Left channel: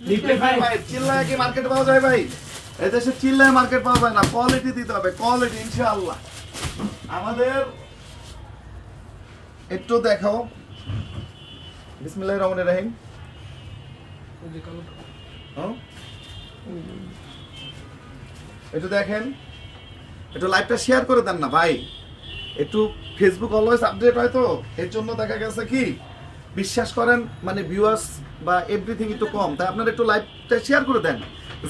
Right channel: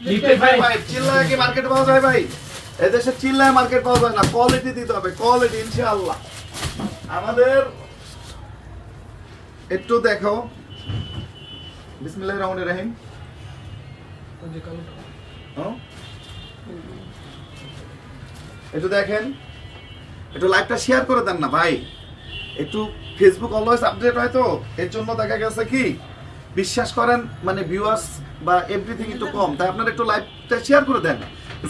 ভাই চিল্লায় কি মার্কেট পাওয়া যায় ভাই? এদেশে চিল্লায় মার্কেট পাওয়া যায় না, কোয়ালিটি দিতে হবে, কোয়ালিটি ইনশাআল্লাহ। আমাদের একটু দেখো, বিসমিল্লাহির রহমানির রহিম। একটু দেখেন, একটু লাইভটা শেয়ার করে দেন না ভাই, একটু ফেসবুক অলওয়েজ আপডেট হয় তো, এর জন্য দেখা গেছে কি বিশ্বাস করেন মানে ভিউয়ার্স বা এভরিথিং একটু কম, তাই আপনারা একটু লাইভটা শেয়ার করে দেন,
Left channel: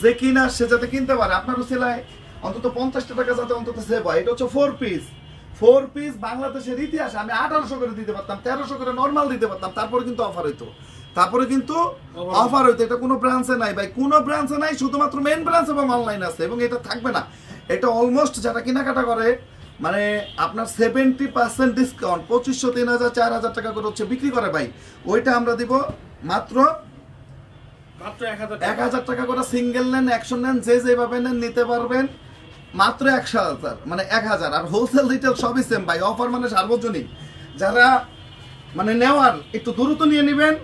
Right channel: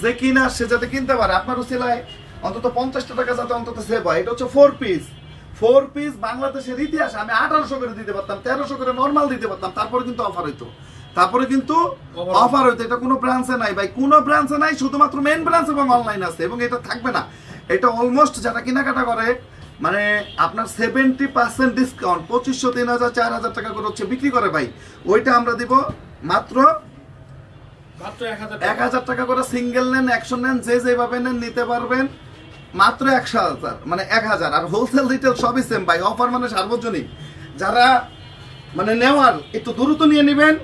যে কিনা সে যাতে কিনতে পারে। আপনার উসিলায় অন্তত 50 টাকা যাতে অন্তত সেভ হয়। এটা হচ্ছে 4 পিস বাংলাদেশের ইতিহাসে আমি 1800 করে দিতে পারতাম, 1300 করে নরমাল দিতে পারতাম, তারপরে কিন্তু অফার হইতো, এটা কোনো ব্রাঞ্চে নাই ভাই, কোনো ব্রাঞ্চে নাই, শুধুমাত্র মেইন ব্রাঞ্চ এবং অনলাইন আছে, এবং এটা থাকবে না। এটা অলমোস্ট যারা কেনাকাটা করে মানে আপনার 70% ডিসকাউন্ট, 2500, 3000, 4000 টাকা করে হচ্ছে বিক্রি করে ভাই, ওইটা আমরা দিব মাত্র 1000 টাকা করে। সিঙ্গেল নেন, অ্যাকশন নেন, যে যেভাবে নেন নিতে পারবেন মাত্র 1000, মানে 1000। আর হোলসেল রিটেল সবই সেম ভাই, অফার মানে সার্বজনীন। যারা মানে নেওয়ার একটু দ্রুত নিয়ে নেবেন,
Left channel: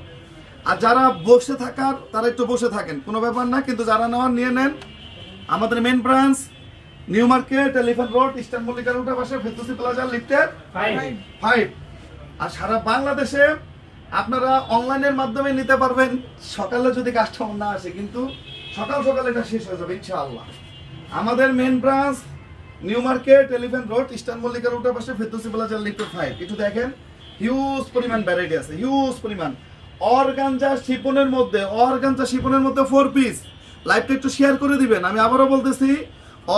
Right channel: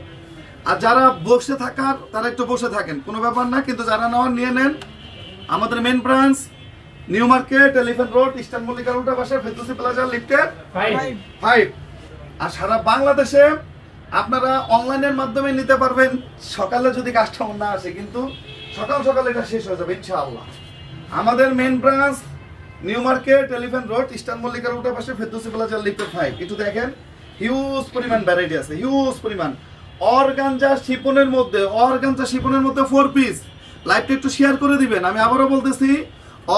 আর যারা বসে থাকার তারা একটু বসে থাকেন, কোনো ব্যাপার না, কিন্তু যারা নেওয়ার নিয়ে নেন। আমাদের main branch New Market, Elephant Road, Eastern মল্লিকার উল্টা পাশে, ফেরদৌসী প্লাজা, লিফটের 5। আর সারা বাংলাদেশে আপনারা অনলাইনের মাধ্যমে নিতে পারবেন। সকালে যদি কাস্টমার না আসে, কিন্তু সকাল সকাল এটা শেষ হয়ে যাবে ইনশাআল্লাহ। আমাদের main branch New Market, Elephant Road, Eastern মল্লিকার উল্টা পাশে, ফেরদৌসী প্লাজা, লিফটের 5। একটু দেখেন, হিউজ পরিমাণ ভ্যারাইটি আছে, হিউজ পরিমাণ। অর্গানজা শিপনের মধ্যে 4 পিস। লাইভটা একটু শেয়ার করে দিবেন। আমি আবারও বলতেছি,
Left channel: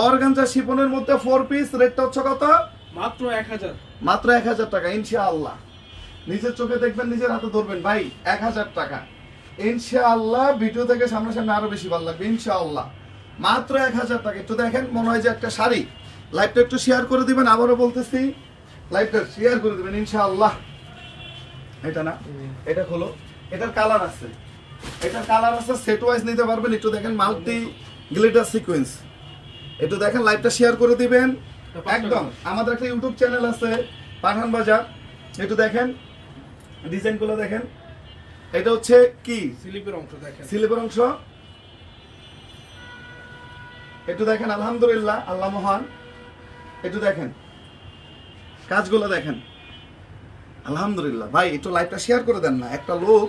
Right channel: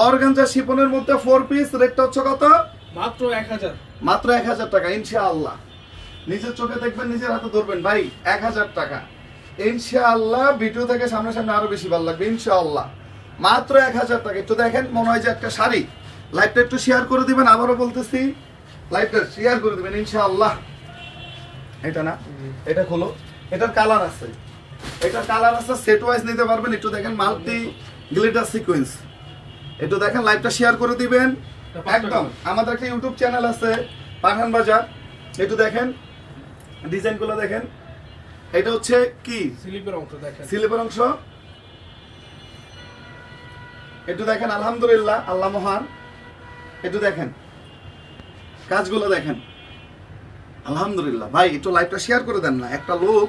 অর্গানজা শিপনের মধ্যে 4 পিস, রেটটা হচ্ছে কত? মাত্র 1000, মাত্র 1000 টাকা ইনশাআল্লাহ। নিজের চোখে দেখবেন, নিজের হাতে ধরবেন ভাই, 1000 টাকা ইনশাআল্লাহ। ভিডিও থেকে সামনে সামনে আরো বেশি ভালো লাগবে ইনশাআল্লাহ। মাত্র 1000 টাকা। একটু দেখেন, মনে হয় যে একটা শাড়ি। লাইভটা একটু শেয়ার করে দিবেন, আবারও বলতেছি লাইভটা শেয়ার করে দিবেন ইনশাআল্লাহ। এটা না, এটা খোলো, এটার কালার আছে, সেট ওয়াইজ নিতে পারবেন। একটু দেখেন, মাল্টি গ্লিটার সিকোয়েন্স। একটু দেখেন, লাইভটা শেয়ার করে দিবেন একদম। আমাদের একটা ইউটিউব চ্যানেল আছে পাঠান বাজার, একটু দেখেন ডিজাইনগুলো দেখেন। এটা হচ্ছে কি স্লিপের অংশ, দেখেন স্লিপের অংশ। একটু দেখেন, আলহামদুলিল্লাহ, আল্লাহ মহান। একটু দেখেন কাজগুলো দেখেন, আলহামদুলিল্লাহ। ভাই একটু লাইভটা শেয়ার করে দেন না। একটা লোক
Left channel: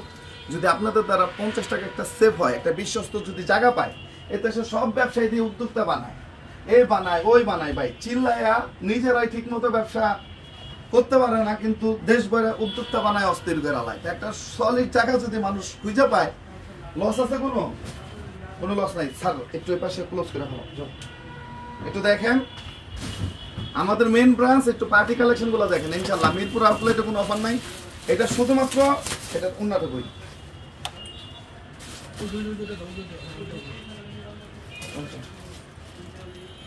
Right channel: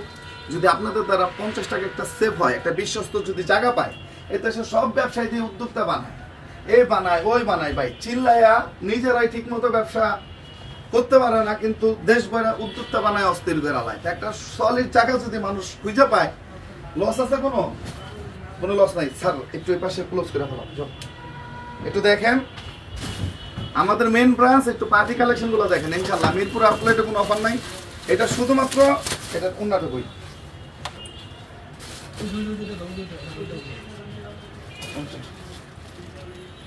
যদি আপনাদের দ্বারা 50 টাকা একটা সেভ হয়, একটা বিশ্বস্ত যদি জায়গা পায়, এতে সে সব ব্যবসায়ী দিয়ে উদ্যোক্তা বানায়, এই বানায় ওই বানায় ভাই, চিল্লায়া নিজেরাই ঠিক মতো ব্যবসা করতে পারে না, কিন্তু দেশ বইরা উদ্যোক্তা বানায় অস্থির বেড়ালায়। একটা সলিড টাকা যদি মানুষ খুঁজে পায়, লস আছে? কোনো লস নাই। স্যার একটু এই পাশে ক্লোজ করে ফেলো। একটু দেখেন আমাদের মেইন ব্রাঞ্চ, একটু পার্টি কালেকশন গুলো দেখেন ইনশাআল্লাহ। মিরপুর আউটলেটে কোনো অফার নাই, এটা শুধুমাত্র এটা উন্নতই।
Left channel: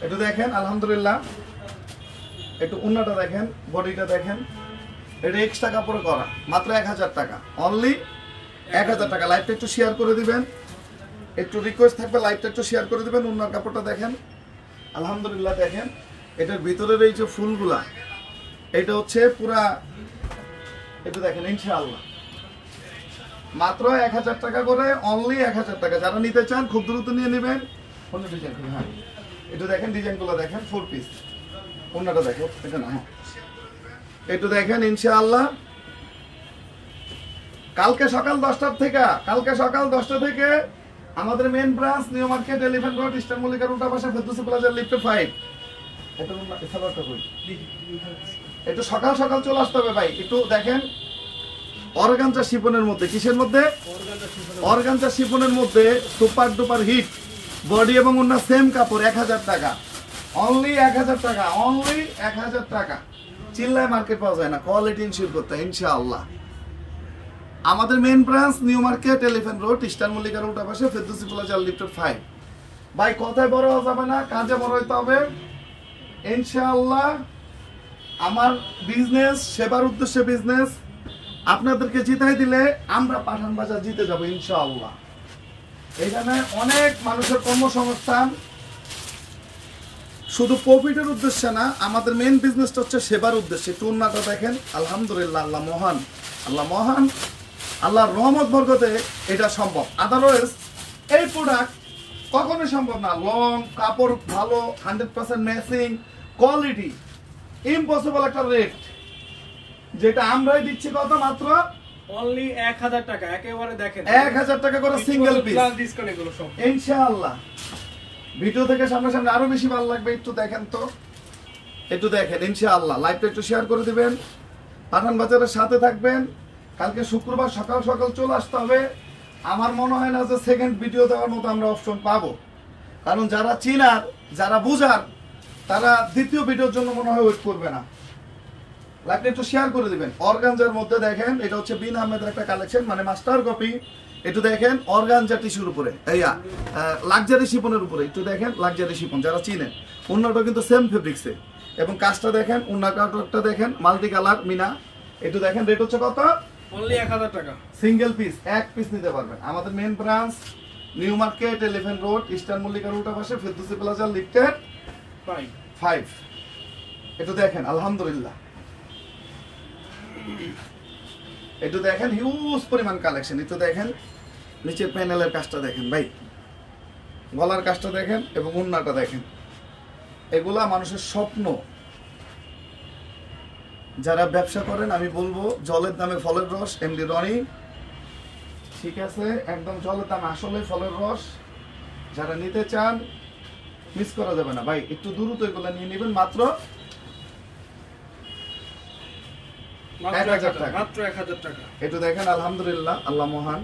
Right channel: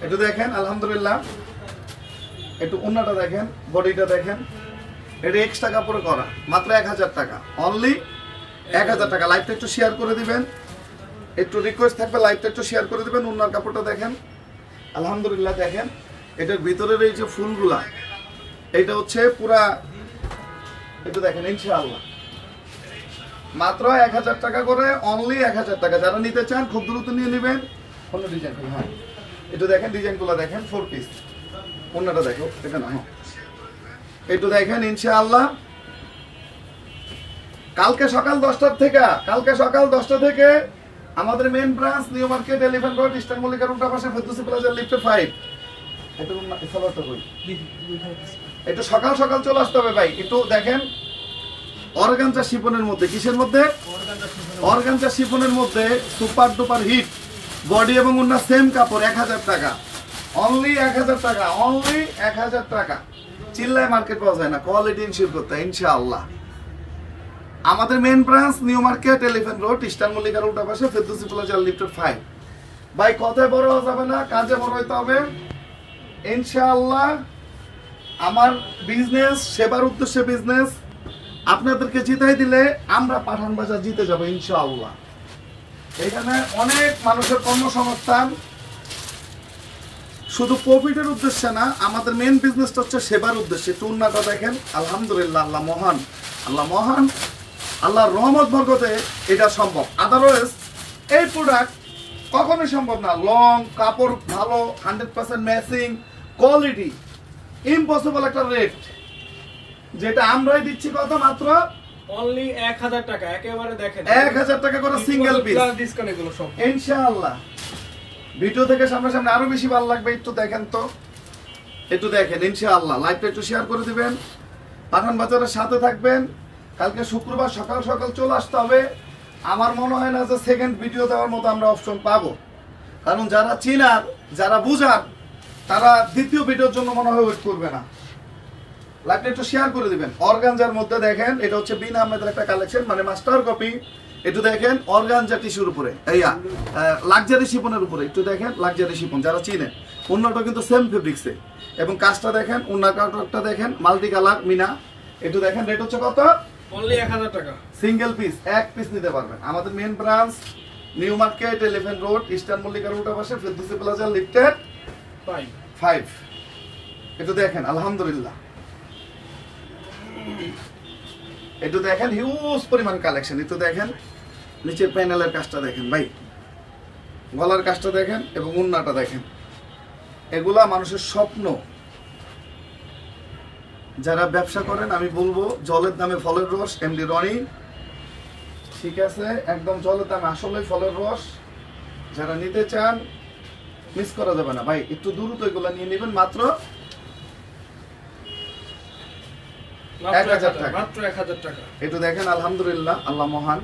একটু দেখেন, আলহামদুলিল্লাহ, একটু উন্নতটা দেখেন, বডিটা দেখেন। এটা এক্সট্রা কাপড়ে করা, মাত্র 1000 টাকা, অনলি 1000 টাকা। লাইভটা একটু শেয়ার করে দিবেন, একটু রিকোয়েস্ট থাকবে, লাইভটা একটু শেয়ার করে দিবেন। উন্নার কাপড়টা দেখেন, আলহামদুলিল্লাহ। দেখেন এটার ভিতরের এই যে ফুলগুলা, এটা হচ্ছে পুরা, একটু দেখেন ইনশাআল্লাহ। মাত্র 1000 টাকা করে, অনলি 1000 টাকা। যারা নিতে চান খুব দ্রুত নিয়ে নেবেন। অন্য ডিজাইন, হ্যাঁ একটু দেখেন, ডিজাইনগুলো দেখেন, 4 পিস। অন্যটা দেখো, এটা না, একটু দেখেন ইনশাআল্লাহ। কালকে সকাল 10টা থেকে আমাদের main branch New Market, Elephant Road, Eastern মল্লিকার উল্টা পাশে, ফেরদৌসী প্লাজা, লিফটের 5। একটু সকাল সকাল চলে আসতে হবে ভাই। একটু দেখেন, অর্গানজা শিফনের মধ্যে, কিসের মধ্যে? অর্গানজা শিফনের মধ্যে সুপার ডুপার হিট বডি এবং অন্য সেম কাপড়, 1000 টাকা, অনলি 1000 টাকা, অনলি 1000 টাকা। চিল্লায় মার্কেট পাওয়া যায় না, কোয়ালিটি ইনশিওর করতে ইনশাআল্লাহ। আমাদের main branch New Market, Elephant Road, Eastern মল্লিকার উল্টা পাশে, ফেরদৌসী প্লাজা, লিফটের 5। ভাই কথায় বড় হওয়া যাবে না, কাজে বড় হইতে হবে ইনশাআল্লাহ। আমার বিজনেস সেবার উদ্দেশ্যে বিজনেস, আপনাদেরকে জিতাই দিলে আমরা পাঠান বাজার জিতে যাবো ইনশাআল্লাহ। এখানে অনেক মানুষের কর্মসংস্থান, শুধু প্রফিটের উদ্দেশ্যে না, আমাদের মেইন বিজনেসটা হচ্ছে সেবার উদ্দেশ্যে। টুর্নাটা দেখেন, আলহামদুলিল্লাহ, আল্লাহ মহান, আল্লাহর রহমত বরকতে এটা সম্ভব। আদারওয়াইজ এই প্রোডাক্ট কখনোই সম্ভব না। লং, কাপড় ভালো, 100% ম্যাচিং, কোয়ালিটি, ইম্পসিবল একটা রেট, যেটা আমরাই দিচ্ছি কত? মাত্র অনলি 1000 টাকা। একেবারে দেখেন 1000 টাকা করে সিঙ্গেল পিস, প্লাস ডিসকাউন্ট এগুলো সব ইনশাআল্লাহ। ভিডিও থেকে সামনে আরো বেশি ভালো লাগবে। একটু দেখেন তো, একটু দেখেন ইনশাআল্লাহ। লাইভটা একটু শেয়ার করে দিবেন, পাঠান বাজারের সাথে থাকবেন। কালকে শুক্রবার সকাল সকাল চলে আসতে হবে। আমার মনে হয় না যে সেকেন্ড ভিডিও দেওয়ার মতো আমরা অপশন পাবো, কারণ যারা চিনার, যারা বুঝার, তারা দ্বিতীয় ভিডিওর জন্য মনে হয় ওয়েট করবে না। লাইভটা একটু শেয়ার করে দিবেন। অর্গানজার মধ্যে দেখেন, এটা হচ্ছে বিন আহমেদের একটা কালেকশন, মানে মাস্টার কপি। একটু দেখেন অর্গানজা টিস্যুর উপরে, এইয়া লাক্সারি শিপনের উপরে, একটু দেখেন লাক্সারি শিপন, যারা চিনে। অন্যটা কিন্তু সেম ফেব্রিক্সে, এবং কাজটা দেখেন, অন্য কাপড়টা দেখেন, মাল্টি কালার মিনা। একটু দেখেন, রেট হচ্ছে কত? অনলি 1000 টাকা। সিঙ্গেল পিস, এক পিস নিতে পারবেন। আমাদের main branch New Market, Elephant Road, Eastern মল্লিকার উল্টা পাশে, ফেরদৌসি প্লাজা, লিফটেড 5। একটু দেখেন আলহামদুলিল্লাহ, একটু দেখেন হিউজ পরিমাণ কালেকশন। একটু দেখেন নিচের প্যানেলের কাজটা দেখেন ভাই, গলার কাজটা দেখেন, এবং ওন্নাটা দেখেন। এগুলা মানুষের স্বপ্ন। যারা ব্যবসা করেন, আমি বলবো জলের দামে ফলের রস, এমডি রনি, ঠিক আছে, একদম জলের দামে আসলে ফলের রস। যারা নিতে চান মিস করা যাবে না ভাই, একটু দ্রুত এগুলা নিয়ে নেবেন। মাত্র 1000 টাকা। মাত্র 1000 টাকা। একটু দেখেন আলহামদুলিল্লাহ, আল্লাহ মহান।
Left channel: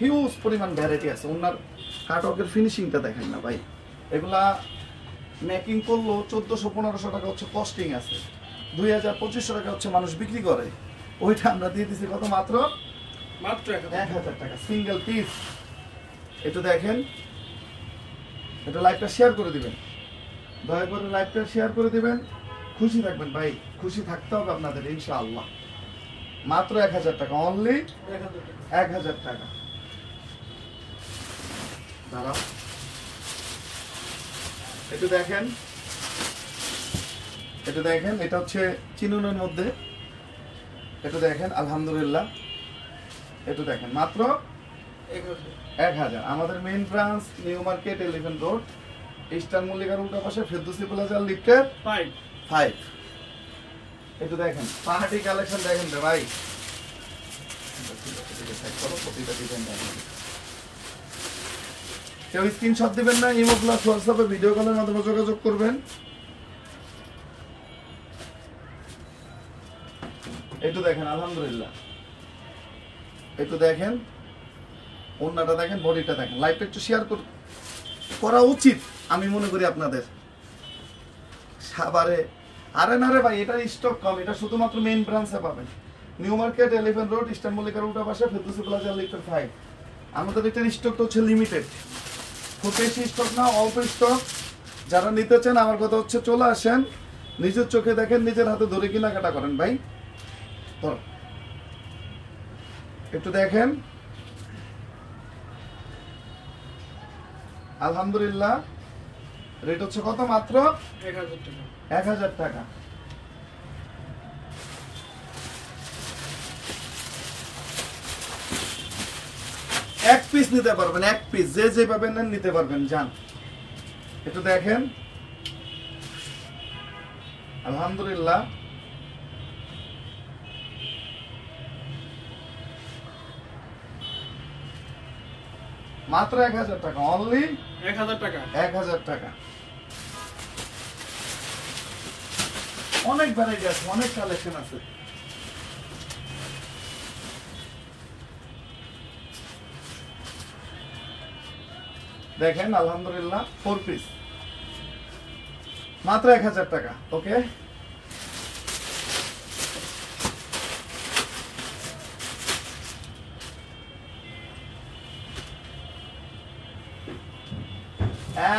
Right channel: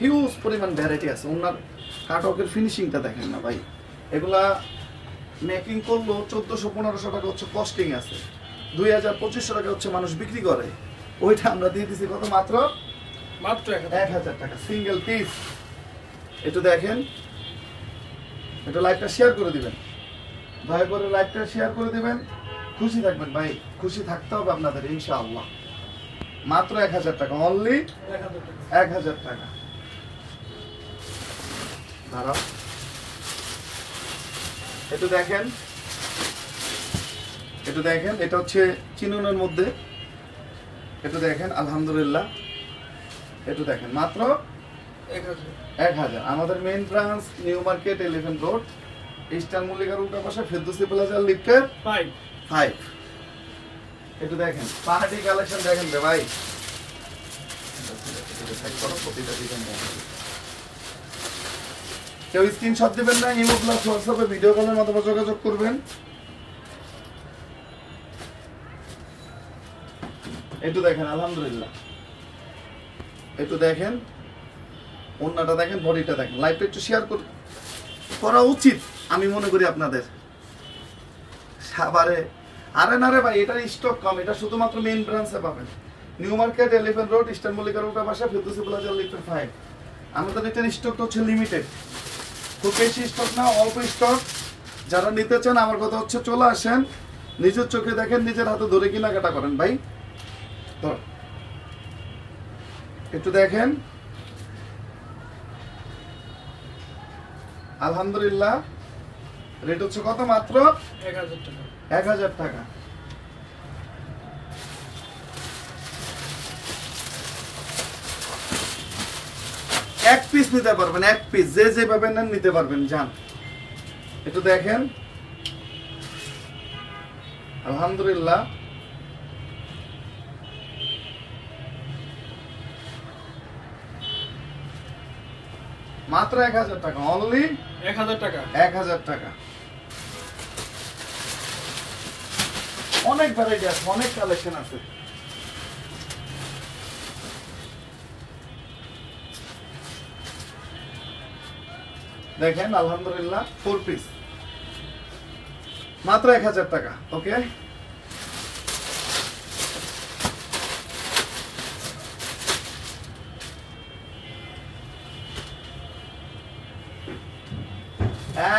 হিউজ পরিমাণ ভ্যারাইটি আছে। ওনার কাটওয়ার্কের ফিনিশিংটা দেখেন না ভাই, এগুলা মেকিং করলো 1400-1500 টাকা হচ্ছে কস্টিং আছে, 2000-2500 টাকা হচ্ছে মানুষ বিক্রি করে। ওইটা আমরা দিয়ে দিচ্ছি কত? মাত্র 1000 টাকা সিঙ্গেল পিস। একটু দেখেন, একটু লাইভটা শেয়ার করে দিবেন, দয়া করে লাইভটা শেয়ার করে দিবেন। খুশি থাকবেন ভাই, খুশি থাকতে হবে আপনাদের ইনশাআল্লাহ। মাত্র 1000 টাকা, অনলি 1000 টাকা। দাঁড়াও, একটু দেখেন, একটু দেখেন, এটা হচ্ছে চিনুনের মধ্যে। একটু দেখেন আলহামদুলিল্লাহ, একটু দেখেন মাত্র 1000। আমাদের main branch New Market, Elephant Road, Eastern মল্লিকার উল্টা পাশে, ফেরদৌসি প্লাজা, লিফটেড 5। একটু দেখেন পাহাড়ি কালেকশন দেখেন রে ভাই। কেউ স্ক্রিনশট দিবেন না, ইমো প্লাস হোয়াটসঅ্যাপে ভিডিও কলের মাধ্যমে যোগাযোগ করবেন। একটু দেখেন আলহামদুলিল্লাহ, একটু দেখেন ওন্নাটা দেখেন, বডিটা দেখেন। লাইভটা একটু শেয়ার করা উচিত আমি মনে করি আপনাদের। সাভারে আরে না রে ভাই, এটার স্টক কম, এটা শুধুমাত্র মেইন ব্রাঞ্চে পাবেন, New Market, Elephant Road, Eastern মল্লিকার উল্টা পাশে, ফেরদৌসি প্লাজা, লিফটেড 5। আমাদের এটার স্টকটা হচ্ছে লিমিটেড, খুব বেশি স্টক না, অল্প স্টক। যারা নিতে চান আমার কথা হচ্ছে চলে আসেন, নিজের চোখে দেখেন, নিজের হাতে ধরে কেনাকাটা করেন ভাই। ধর একটু দেখেন আলহামদুলিল্লাহ, রেট হচ্ছে কত? মাত্র 1000 টাকা। এক পিস নিতে পারবেন, এক পিস, যে যেভাবে নেন নিতে পারবেন। যান একটু দেখেন আলহামদুলিল্লাহ, মাত্র 1000 টাকা, অনলি 1000 টাকা। 1000 টাকা। অনেক ভ্যারাইটি আছে, অনেক কালেকশন আছে। দেখেন আলহামদুলিল্লাহ, 4 পিস, মাত্র 1000 টাকা। ওকে,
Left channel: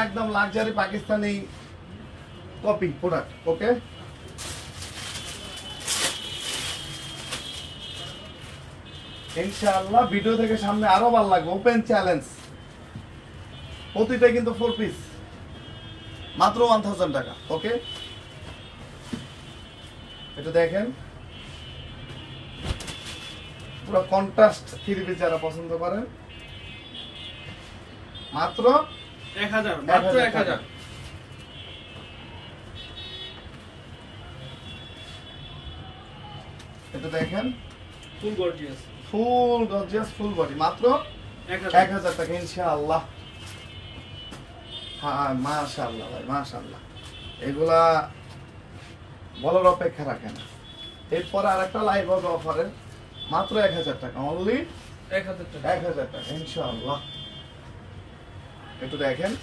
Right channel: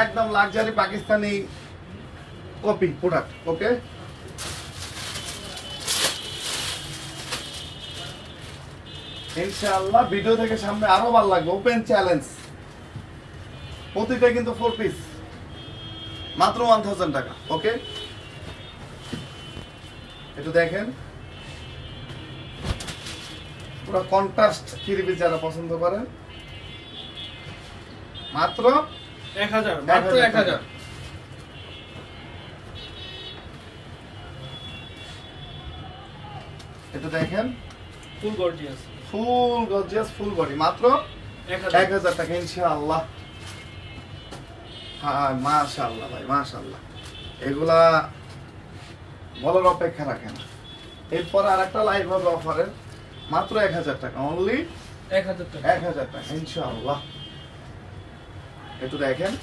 একদম লাক্সারি পাকিস্তানি কপি প্রোডাক্ট। ওকে, ইনশাআল্লাহ ভিডিও থেকে সামনে আরো ভালো লাগবে। ওপেন চ্যালেঞ্জ, প্রতিটা কিন্তু 4 পিস, মাত্র 1000 টাকা। ওকে, একটু দেখেন পুরো কন্ট্রাস্ট থ্রি পিস যারা পছন্দ করেন, মাত্র 1000 মাত্র 1000 এটা দেখেন ফুল গর্জিয়াস ফুল বডি মাত্র 1000 টাকা ইনশাআল্লাহ। হ্যাঁ মাশাআল্লাহ ভাই মাশাআল্লাহ, এগুলা বলার অপেক্ষা রাখেন। এরপর আরেকটা লাইভ হবে অফারে মাত্র 1000 টাকা, অনলি 1000 টাকা 1000 টাকা ইনশাআল্লাহ। একটু দেখেন,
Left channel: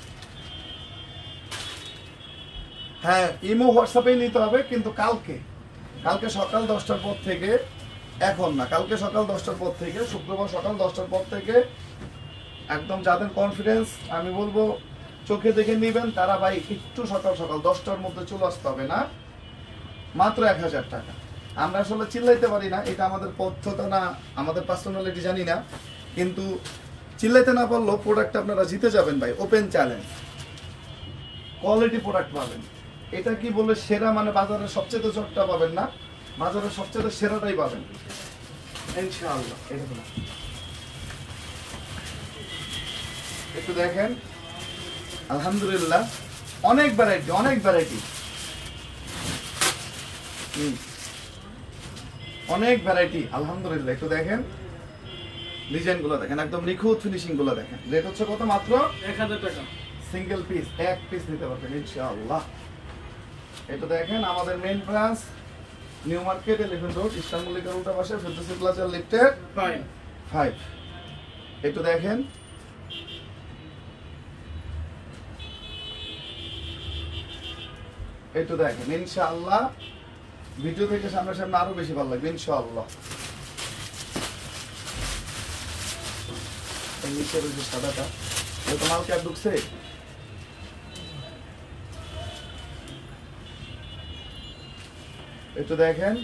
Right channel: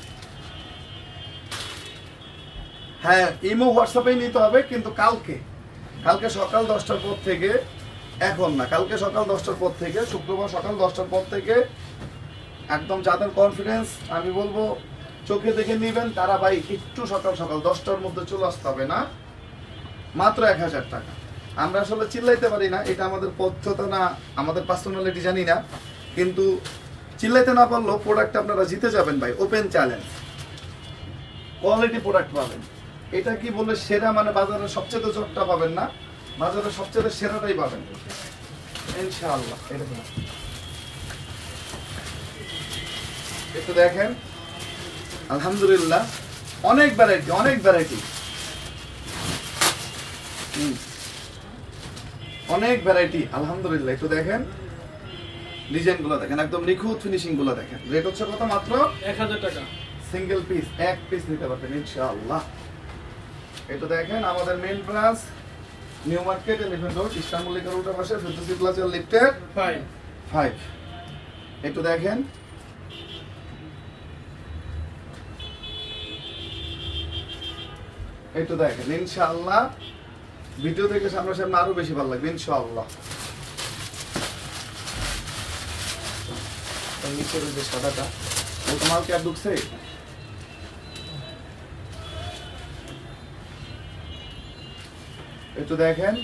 হ্যাঁ ইমো হোয়াটসঅ্যাপে নিতে হবে, কিন্তু কালকে সকাল 10টার পর থেকে, এখন না, কালকে সকাল 10টার পর থেকে, শুক্রবার সকাল 10টার পর থেকে একদম যাদের কনফিডেন্স আমি বলবো চোখে দেখে নিবেন, তারা ভাই একটু সকাল 10টার মধ্যে চলে আসতে হবে না, মাত্র 1000 টাকা। আমরা আসলে চিল্লাইতে পারি না, এটা আমাদের পদ্ধতি না, আমাদের পার্সোনালিটি জানি না, কিন্তু চিল্লাইতে না পারলেও প্রোডাক্ট আপনারা জিতে যাবেন ভাই, ওপেন চ্যালেঞ্জ, কোয়ালিটি প্রোডাক্ট পাবেন। এটা কি বললে সেরা, মানে বাজারের সবচেয়ে চটটা পাবেন না, বাজারের সবচেয়ে সেরাটাই পাবেন ইনশাআল্লাহ। একটু দেখেন, আলহামদুলিল্লাহ অনেক ভ্যারাইটি অনেক ভ্যারাইটি আলহামদুলিল্লাহ। একটু দেখেন ডিজাইন গুলো দেখেন, একদম নিখুঁত ফিনিশিং গুলো দেখেন। রেট হচ্ছে কত? মাত্র 1000 টাকা। সিঙ্গেল পিস, এক পিস নিতে পারবেন ইনশাআল্লাহ। এটা দেখেন আমাদের main branch New Market 11 Road, Eastern মল্লিকার উল্টা পাশে, ফেরদৌসি প্লাজা লিফটেড 5। একটু দেখেন, একটু দেখেন ইনশাআল্লাহ, ভিডিও থেকে সামনাসামনি আরো বেশি ভালো লাগবে ইনশাআল্লাহ। নিচের যে সাদাটা ওটা মাল কি আর ঢুকছে? একটু দেখেন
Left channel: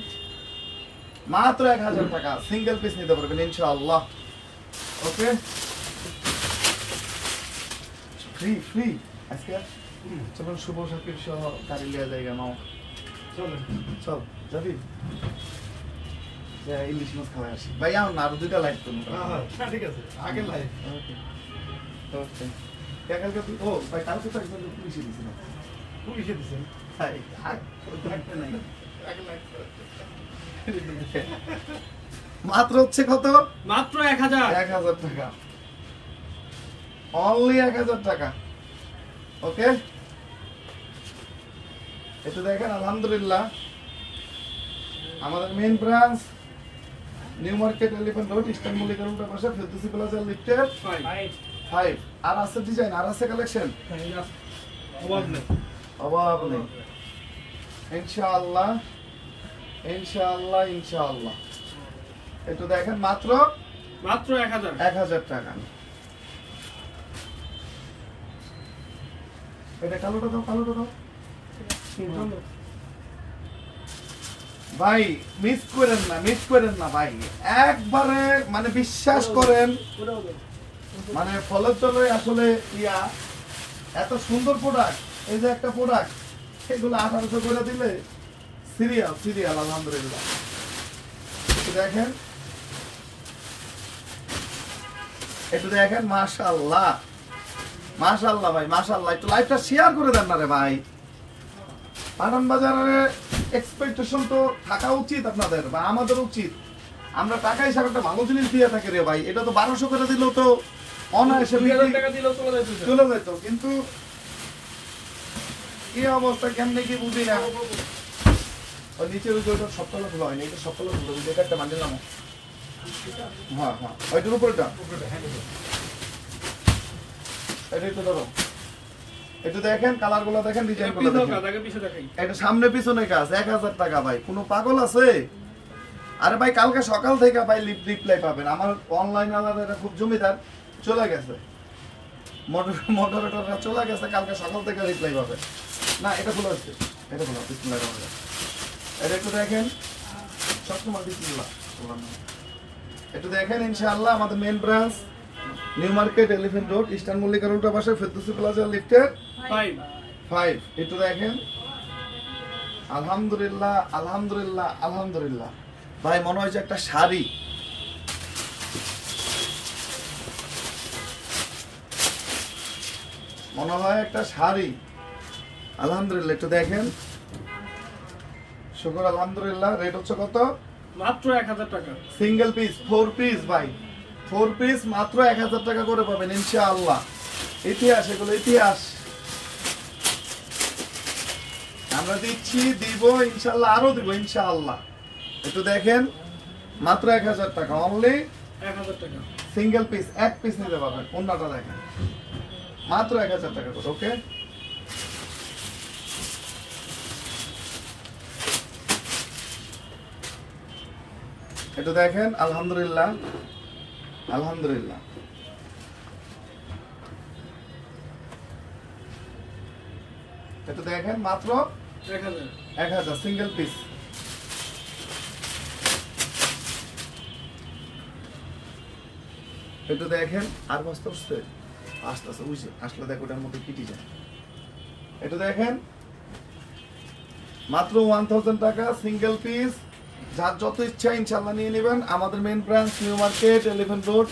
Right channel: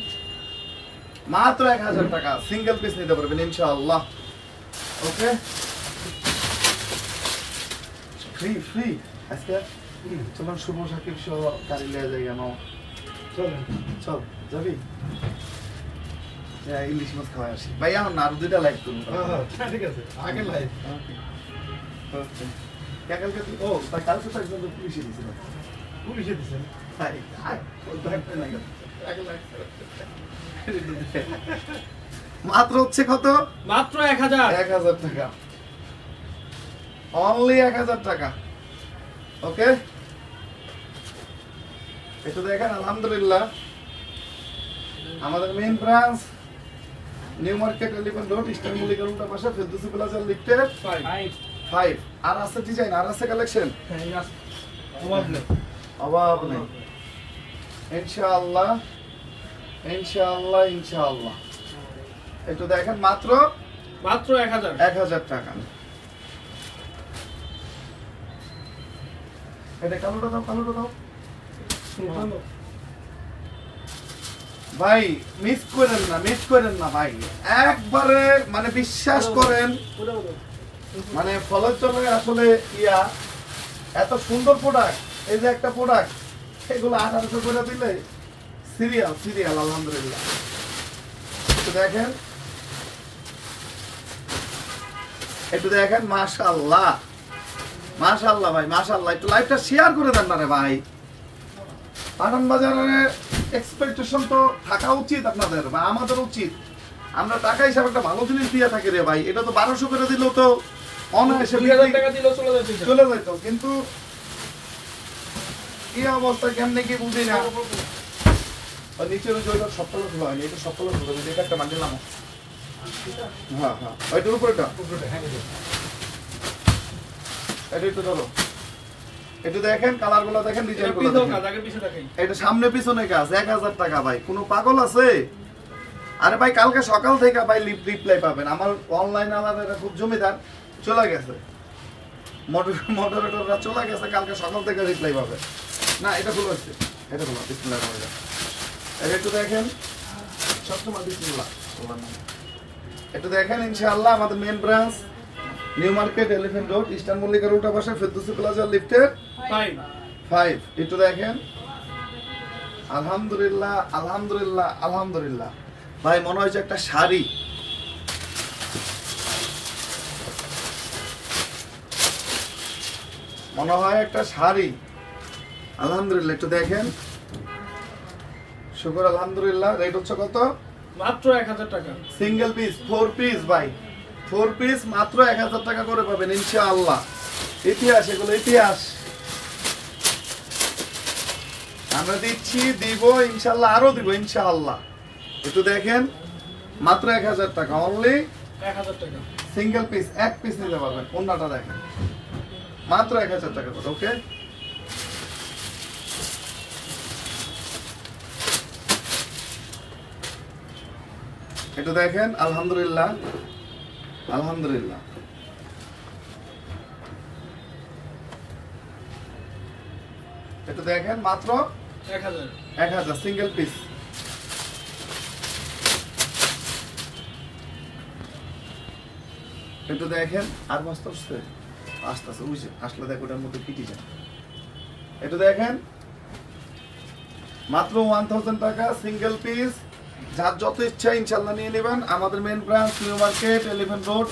মাত্র 1000 টাকা, সিঙ্গেল পিস নিতে পারবেন ইনশাআল্লাহ। ওকে, ফ্রি আজকে চলো শুভ সাকিব সহ গাড়ি নিয়ে যাই, কেন চল যাবি? ইলিশ মাছ খাওয়া আসি ভাই, আমার না আরো 2টা লাইভ করুন। ঠিক আছে, আগে লাইভ। কালকে তুই, ও ভাই কালকে তো একজন পুলিশে দিয়েছিল, মাত্র হচ্ছে কত? মাত্র 1000 টাকা, অনলি 1000 টাকা। ওকে, একটু দেখেন আলহামদুলিল্লাহ আমাদের main branch New Market 11 Road, Eastern মল্লিকার উল্টা পাশে, ফেরদৌসি প্লাজা লিফটেড 5। আর আছে ডিজাইন, আর আছে কালেকশন, অভাব নেই ইনশাআল্লাহ ইনশাআল্লাহ ইনশাআল্লাহ। একটু দেখেন মাত্র 1000 টাকা। এটা কালোটা দাও ভাই, মিস করেন না ভাই, একবারে মানে বিশ্বাস করেন, মানে ফলের চলে আসলে এত সুন্দর প্রোডাক্ট, এই যে একটা প্রোডাক্ট, এগুলো 1800 করে দিলে সিরিয়াল আলহামদুলিল্লাহ। একটু দেখেন মাশাআল্লাহ ভাই মাশাআল্লাহ। একটু লাইভটা শেয়ার করে দেন না রে ভাই, পাঠান বাজারের এক্সপেকটেশন তো থাকা উচিত আপনাদের বা আমাদের উচিত, আমরা টাকা হিসাবে একটা ভালো জিনিস দিয়ে থাকি রে ভাই। এটা তো 1200 করে দিলেও তো অনায়াসে 2000 টাকা দিলেও চলে যেত, কিন্তু কি অবস্থা কেমনে কি বুঝি না। নিচের ওইটা সবগুলো খোলা হয়নি, এটা সবগুলো খোলা হয়নি, এটা একটা মান্ডিলাম। হ্যাঁ ওইটার উপরেটা এটা একটু ধরো, একটু দেখেন কালার গুলো দেখেন, ডিজাইন গুলো দেখেন। এটা সামনে পিছনে কাজ, 1000 টাকা ভাই, কোনো পাগল আছে? আরে ভাই কালকে সকাল থেকে ভাই রিপ্লাই পাবেন। আমার অনলাইন আলাদা খুব জমিদার চলে গেছে, মডারেটররা চলে গেছে, কালকে সকাল থেকে রিপ্লাই পাবে না। এটা খোলা হচ্ছে, এটা খোলা, বিসমিল্লাহির রহমানির রহিম। এটা একটু দেখেন, সবসময় বিসমিল্লাহ। একটু দেখেন ইনশাআল্লাহ আমাদের main branch New Market 11 Road, Eastern মল্লিকার উল্টা পাশে, ফেরদৌসি প্লাজা লিফটেড 5। একটু দেখেন আলহামদুলিল্লাহ ভাই, মনে হয়েছে একটা শাড়ি। মনে হয় একটা শাড়ি। আলহামদুলিল্লাহ, একটু দেখেন। শুকর আলহামদুলিল্লাহ। রেট হচ্ছে কত? মাত্র 1000 টাকা। সিঙ্গেল পিস 4 পিস ভাই, 4 পিস মাত্র 1000 টাকা করে পাবেন ইনশাআল্লাহ। ইতিহাস, এগুলো ইতিহাস। আমরা দিচ্ছি, দিব ইনশাআল্লাহ, আরো দিব ইনশাআল্লাহ। একটু দেখেন, মাত্র 1000 টাকা অনলি। 1000 টাকা সিঙ্গেল পিস, এক পিস নিতে পারবেন। অন্যটা দেখেন, মাত্র 1000 টাকা করে। ওকে, একটু দেখেন। আলহামদুলিল্লাহ, আলহামদুলিল্লাহ। একটু দেখেন, মাত্র 1000। 1000 সিঙ্গেল পিস। একটু দেখেন, আর মস্ত আসছে, আস্তে আস্তে বুঝে আসলে দেখ ওটার মধ্যে কিটি যায়। একটু দেখেন, মাত্র 1000 টাকা সিঙ্গেল পিস। যার যত ইচ্ছা ইনশাল্লাহ নিয়ে নেবেন। আমাদের main branch New Market 11 Road,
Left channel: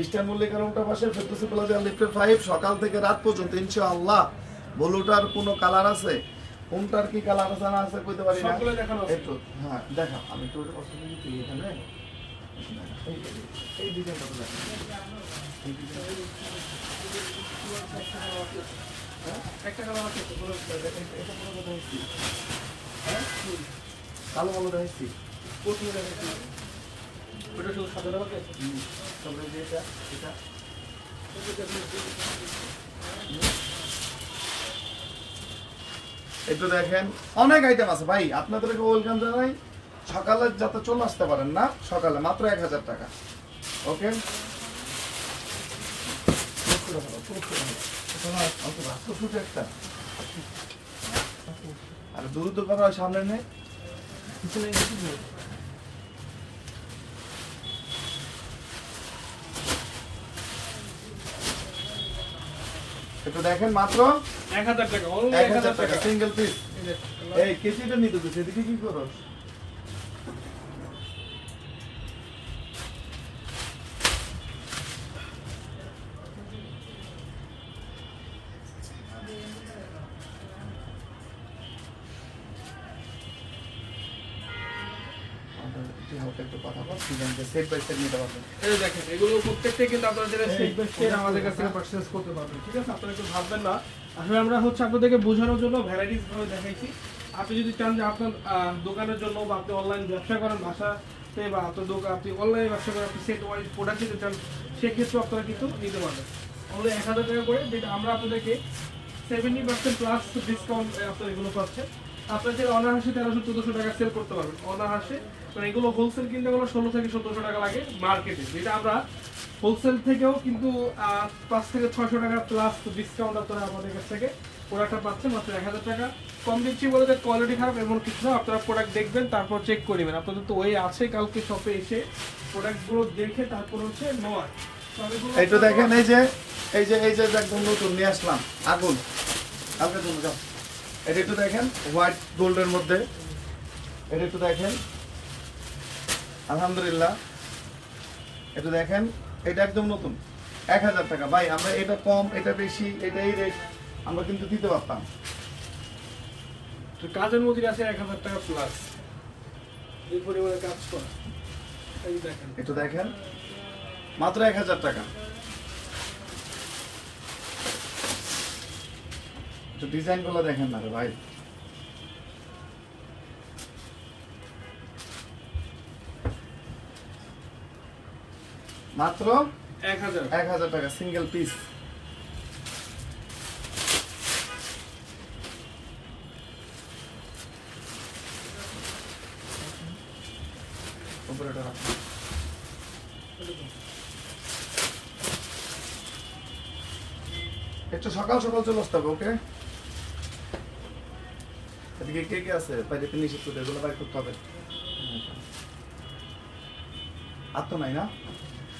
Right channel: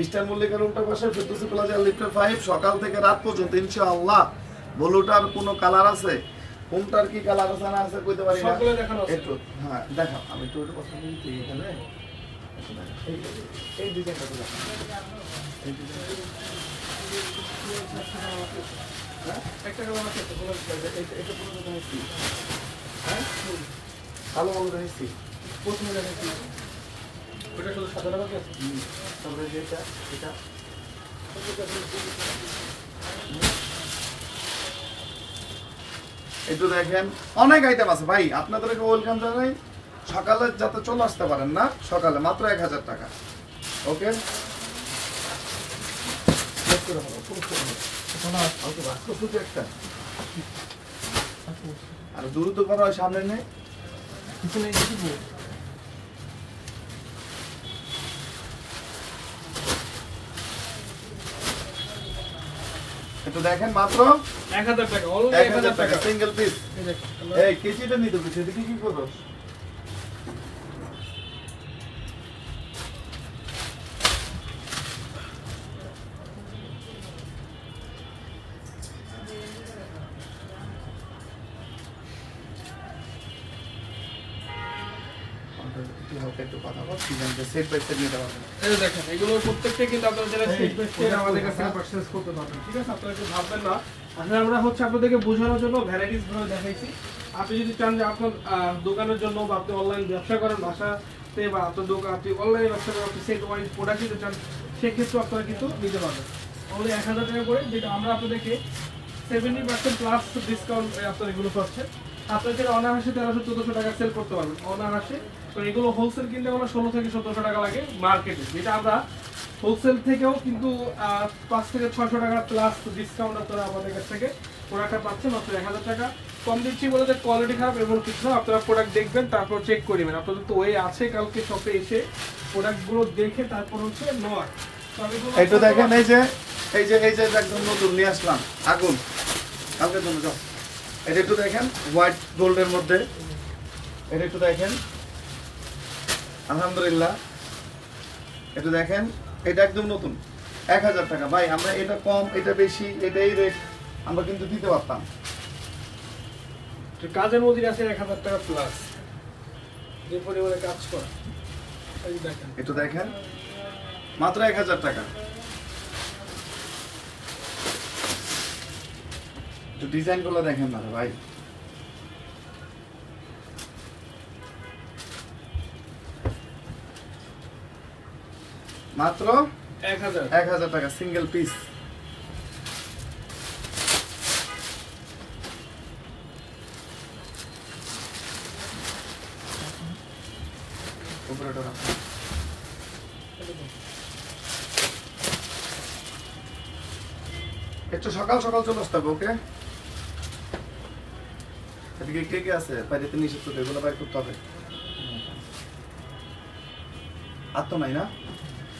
Eastern মল্লিকার উল্টা পাশে, ফেরদৌসি প্লাজা, লিফটের 5, সকাল থেকে রাত পর্যন্ত ইনশাআল্লাহ। ব্লুটার কোনো কালার আছে, কোনটার কি কালার আছে না আছে কইতে পারি না। সবগুলো দেখানো আছে। একটু হ্যাঁ দেখাও, আমি একটু ওটা পছন্দ করি এখানে। এই ডিজাইনটা তো দেখেন, এই ডিজাইনটা একটা কালার আছে তো বলো। হ্যাঁ কালো কালো রয়েছে। প্রথমে দেখাচ্ছি, ওটা শুধু সাদা টাকা আছে। তবে এটা এটা একটু দেখেন, অনেক আইটেম আছে ভাই। আপনাদেরকে ওয়েলকাম জানাই। সকালে যাতে চলে আসতে পারেন না, সকালে মাত্র 1000 টাকা। ওকে, আর দ্রুত করো, সামনে নেই। একটু দেখেন, মাত্র 1000 টাকা, only 1000 টাকা টাকা। Single piece. এই দেখ, এই কেজিটা নিতে হবে, সেদিকে কি করো? একটু কথা বল, সেট বাই সেট নিতে পারবেন। এই দেখেন, এগুলো প্রত্যেকটা কিন্তু আপনারা যারা সেট বাই সেট আমাদের কাছ থেকে পারচেজ করতে পারবেন। ঠিক আছে, আপনারা একটু ভাববেন না। আসলে আমরা হচ্ছে আপনাদেরকে বোঝানোর জন্য ভ্যারাইটিস ভাবে দেখাইছি। আপনি যদি চান যে আপনার দোকানের জন্য বা আপনি অনলাইন ব্যবসা করেন বাসাতে, বা আপনার দোকান আপনি অনলাইনে ব্যবসা করেন, আপনি সেট ওয়াইজ প্রোডাক্ট নিতে চান, সেক্ষেত্রে আপনারা কিন্তু নিতে পারবেন অনলি 1000 টাকা করে, যেটা আমরা আপনাদেরকে 70% প্লাস ডিসকাউন্ট আপনারা এগুলো পাচ্ছেন। আপনার যেটা অনাহাসে 1300-1400 টাকা সেল করতে পারবেন অনাহাসে। এগুলো হোলসেল কিনতে গেলে 1600 থেকে 1700 টাকা লাগে মার্কেটে, যেটা আমরা হোলসেল থেকেও কিন্তু 500 থেকে 600 টাকা প্লাস ডিসকাউন্ট আপনারা আমাদের কাছ থেকে প্রোডাক্টটা পাচ্ছেন মাত্র 1000 টাকা। কম দিচ্ছি বলে যে কোয়ালিটি খারাপ এমন কিছু না, আপনারা প্রোডাক্ট দেখবেন, তারপর চেক করবেন। আপনাদের তো ওই আছে কালকে শপে এসে প্রোডাক্টগুলো দেখে তারপর হচ্ছে নয়। একটু দেখেন, এই যে এই যে এই যে একদম নতুন নিয়ে আসলাম, আগুন কালকের জন্য যাও। এটা একটু দেখেন, হোয়াইট গোল্ডের মধ্যে। এটা একটু দেখেন, আলহামদুলিল্লাহ। একটু দেখেন, এটা একদম নতুন 1000 টাকা ভাই। আমরা এটা কম, এটা বেশি, এটাই রেট আমরা কিন্তু দিতে পারতাম। কাজের মধ্যে আছে 1000 টাকা প্লাস, যে পরিমাণে কাজ করা। এই দেখেন, একটু দেখেন, মাত্র 1000 টাকা। একটু ডিজাইন গুলো দেখেন না রে ভাই। মাত্র 1000 টাকা সিঙ্গেল পিস। উপরেটা রাখো। একটু সকাল সকাল চলে আসতে হবে। ওকে, এদিকে কে কে আছে? বাইরে নিষিদ্ধ, এগুলো বাইর করতে হবে। আর তো নাই না?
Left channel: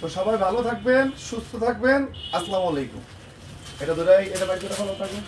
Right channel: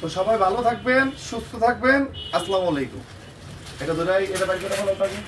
তো সবাই ভালো থাকবেন, সুস্থ থাকবেন। আসসালামু আলাইকুম। এটা ধরে এটা বাইর করে ভালো থাকবেন।